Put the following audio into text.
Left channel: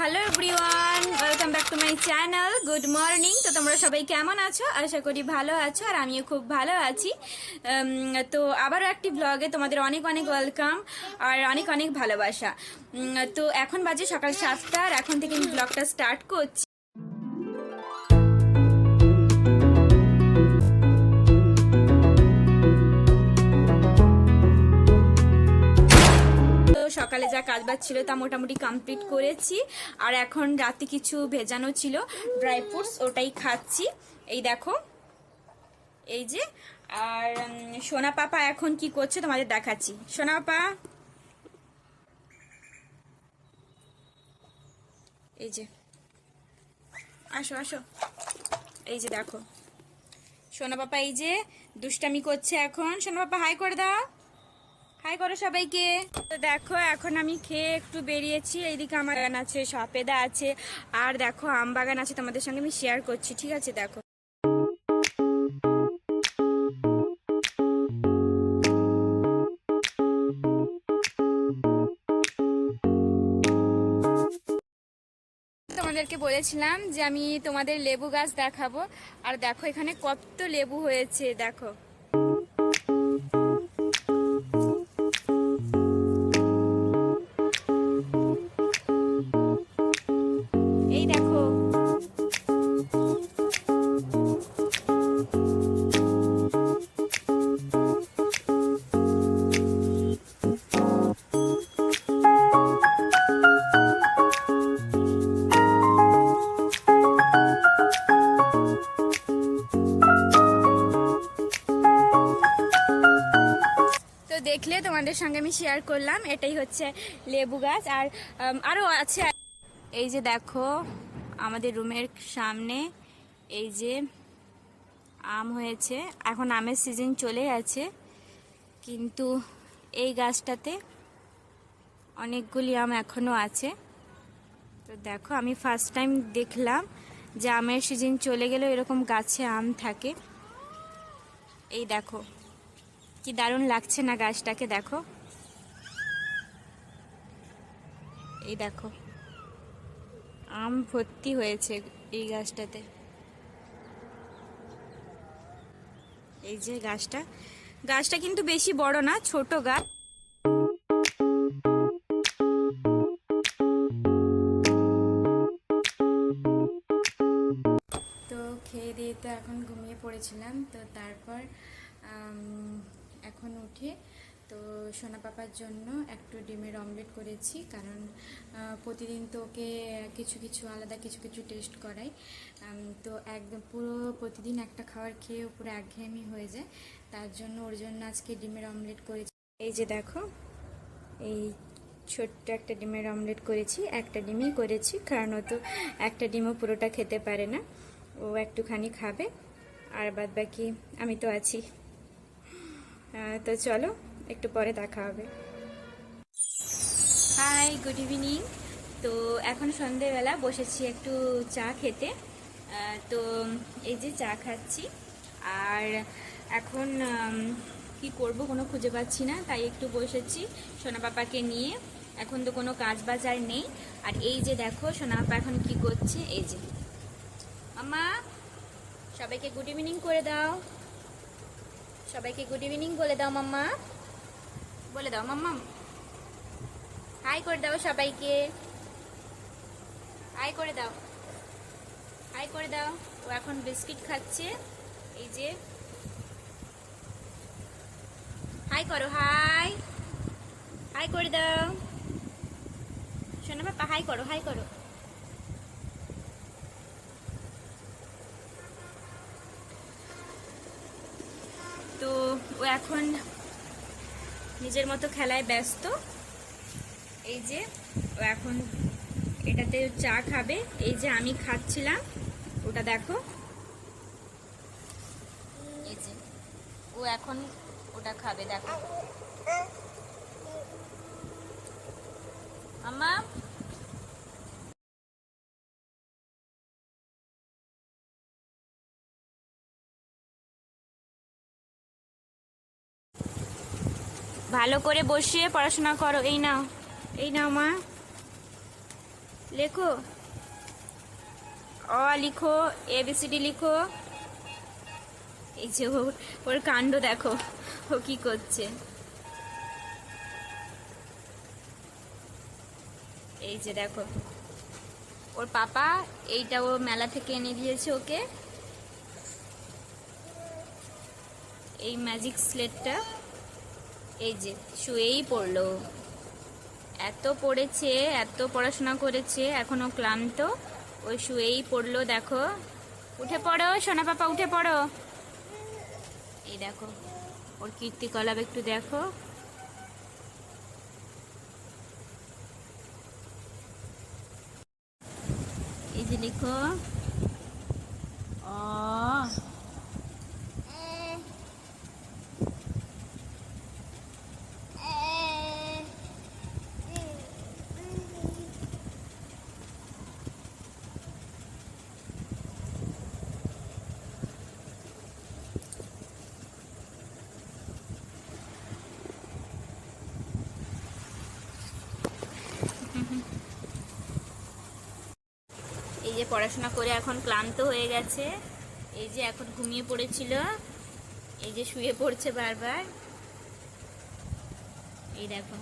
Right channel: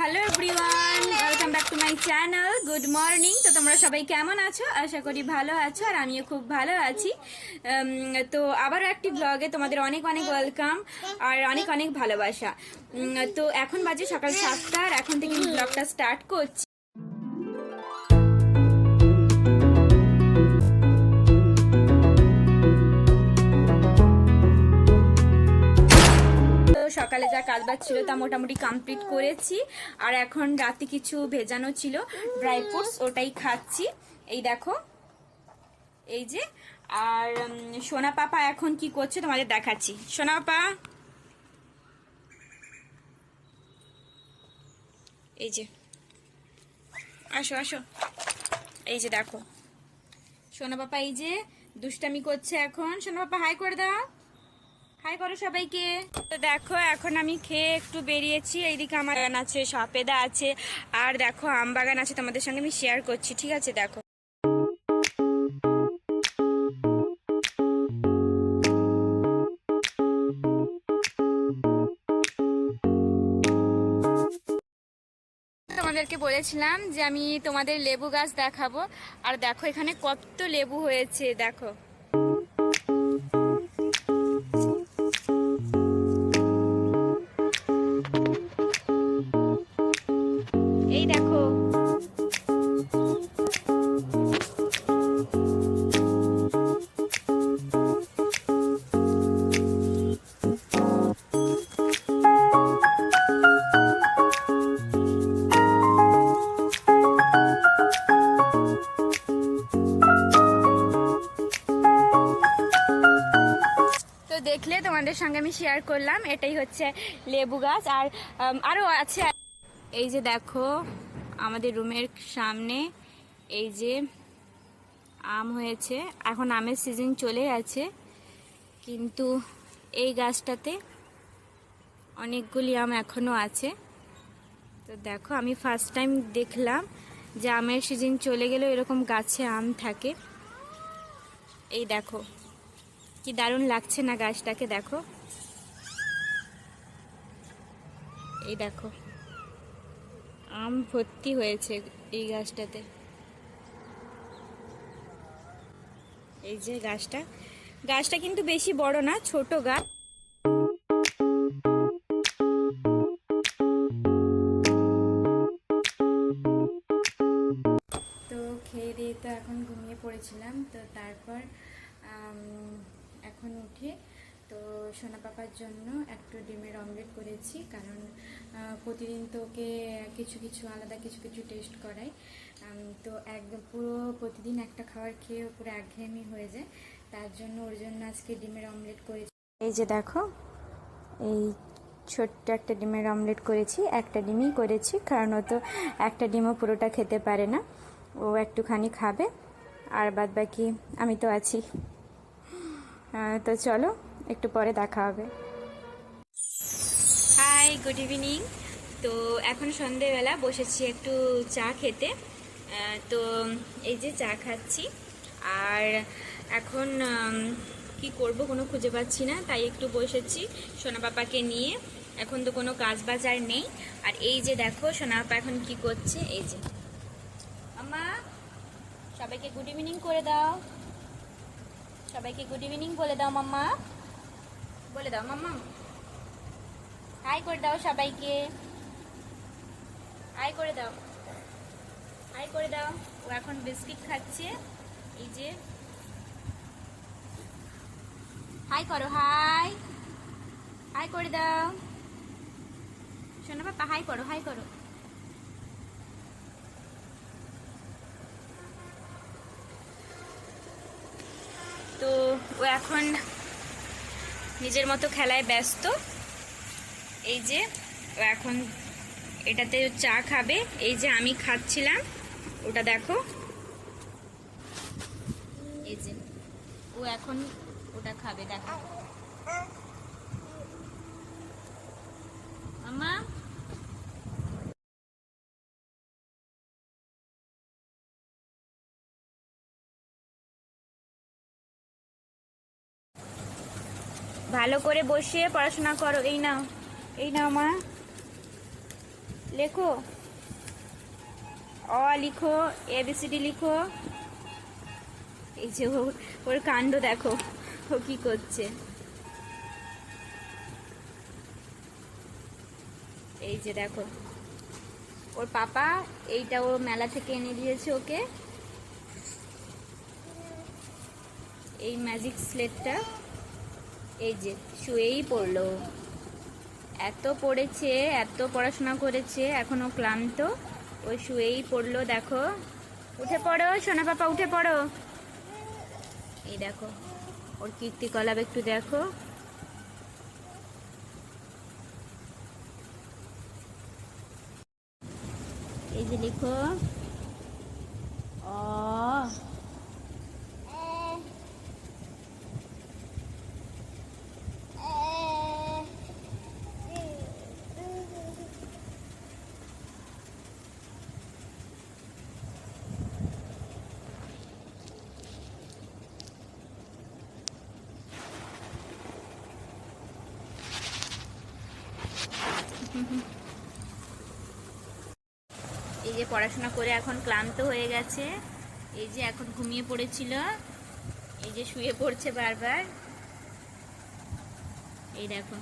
Hello everyone, welcome back to my channel. Good morning. তো তোমরা সবাই কেমন আছো? আশা করি ভালো আছো, আর আমিও খুব ভালো আছি। তো আবারও একটি ব্লগে তোমাদের অনেক অনেক ওয়েলকাম আর অনেক অনেক ভালোবাসা। তো এখন বাজে সকাল 7টা, আর এখন থেকে আমি ব্লগটা স্টার্ট করছি। সকালে যা কাজবাজ ছিল তা মোটামুটি কমপ্লিট করেছি, আর এখন রাতে কিছু ভেজানো ছিল ড্রাই ফ্রুটস, ওটাই খাচ্ছি। এই দেখো, এই যে। আর সোনা পাপা এখন কি করছে তোমাদের দেখাচ্ছি। সোনা পাপা, এই যে, আসো আসো। এই যে দেখো, সোনা পাপা এই যে দুষ্টামি করছে এখন। সোনা পাপা হাই করে দাও, হাই করো সবাইকে। তো দেখো, এখন আমি খেয়ে একটু বেরিয়েছি। এইদিকে আমার বাগান আছে, সপেদা আছে, আর দেখো আম বাগান আছে, তোমাদের সঙ্গে আমি শেয়ার করছি। ঠিক আছে, দেখো। তোমাদেরকে বলেছিলাম যে আমি তোমাদের লেবু গাছ দেখাবো, আর দেখো এখানে কত লেবু হয়েছে, দেখো। এই দেখো, দেখলে তোমাদের সঙ্গে আমি শেয়ার করলাম। এটাই হচ্ছে লেবু গাছ, আর আরো আছে। এই যে দেখো, আমাদের রুমের সামনে এই যে আম হয়েছে। এখন আমের সিজন চলে গেছে, কিন্তু এই গাছটাতে অনেকগুলি আম এখনো আছে। তো দেখো, আমি ফার্স্ট টাইম দেখলাম যে আমের সিজন চলে গেলেও এরকম গাছে আম থাকে। এই দেখো, কি দারুণ লাগছে না গাছটাকে, দেখো। এই দেখো, আম ভর্তি হয়েছে এই গাছটাতে। এই যে গাছটা, গাছটা কিন্তু বেশি বড় না, ছোট গাছ। তো খেয়ে দিয়ে তো এখন ঘুমিয়ে পড়েছিলাম। তো তারপর এখন উঠে তো সোনা পাপার জন্য একটু ডিমের অমলেট করেছি, কারণ প্রতিদিন তো ওকে কিছু কিছু আলাদা কিছু কিছু টেস্ট করাই। তো একদম পুরো প্রতিদিন একটা খাবার খেয়ে পুরো একঘেয়েমি হয়ে যায়। তার জন্য ওর জন্য আজকে ডিমের অমলেট করেছি। এই যে দেখো, এই ছোট্ট একটা ডিমের অমলেট করেছি। একটা ডিমই করেছি, কারণ ও তো একটা ডিমও পুরোটা খেতে পারে না, ও একটুখানি খাবে, আর বাদ বাকি আমি তো আছি। তো চলো, একটু পরে দেখা হবে। Hi, good evening. তো এখন সন্ধেবেলা, বসেছি একটু চা খেতে। তো এই যে চা খাচ্ছি, আর এখন কি করব কোনো খুঁজে পাচ্ছি না, তাই একটু বসেছি সোনা পাপাকে নিয়ে। এখন তো কোনো কাজ বাজার নেই। আর এই যে দেখো, সোনা পাপা এখন কি করছে। এই যে, মাম্মা সবাইকে গুড ইভিনিং করে দাও, সবাইকে গুড ইভিনিং বলে দাও মাম্মা, বলে দাও মাম্মা, হাই করে দাও সবাইকে, হাই করে দাও, হাই করে দাও। ও এখন বিস্কিট খাচ্ছে। এই যে, হাই করো, হাই, হাই করে দাও সোনা পাপা, হাই করো, হাই করো। তো ও এখন নিজের মতো খেলায় ব্যস্ত। এই যে, ও এখন এটাতে চা খাবে। এই যে আমি খাচ্ছিলাম ওটা, দেখো। এই যে, ও এখন ওটা খাবে, দেখো। মাম্মা, ভালো করে বসে পড়াশোনা করো। এই নাও, এই নাও মা, লেখো, অ লিখো, এবিসিডি লিখো। এই যে ওর কাণ্ড দেখো, ও কি করছে। এই যে দেখো ওর পাপা, এইটা ও মেলা থেকে এনে দিয়েছে ওকে, এই ম্যাজিক স্লেটটা। এই যে শুয়েই পড়লো, এত পড়েছে, এত পড়াশোনা করেছে, এখনো ক্লান্ত, ওই শুয়েই পড়লো। দেখো, উঠে পড়ো সোনা পাপা, উঠে পড়ো। এই দেখো ওর কীর্তিকলাপ একটু দেখো। এই যে লিখো, অ এই যে পড়াশোনা করে এখন ক্লান্ত হয়ে গেছে, এই যে এখন ঘুমিয়ে পড়েছিল, এই যে শুয়ে পড়ছে বারবার। এই দেখো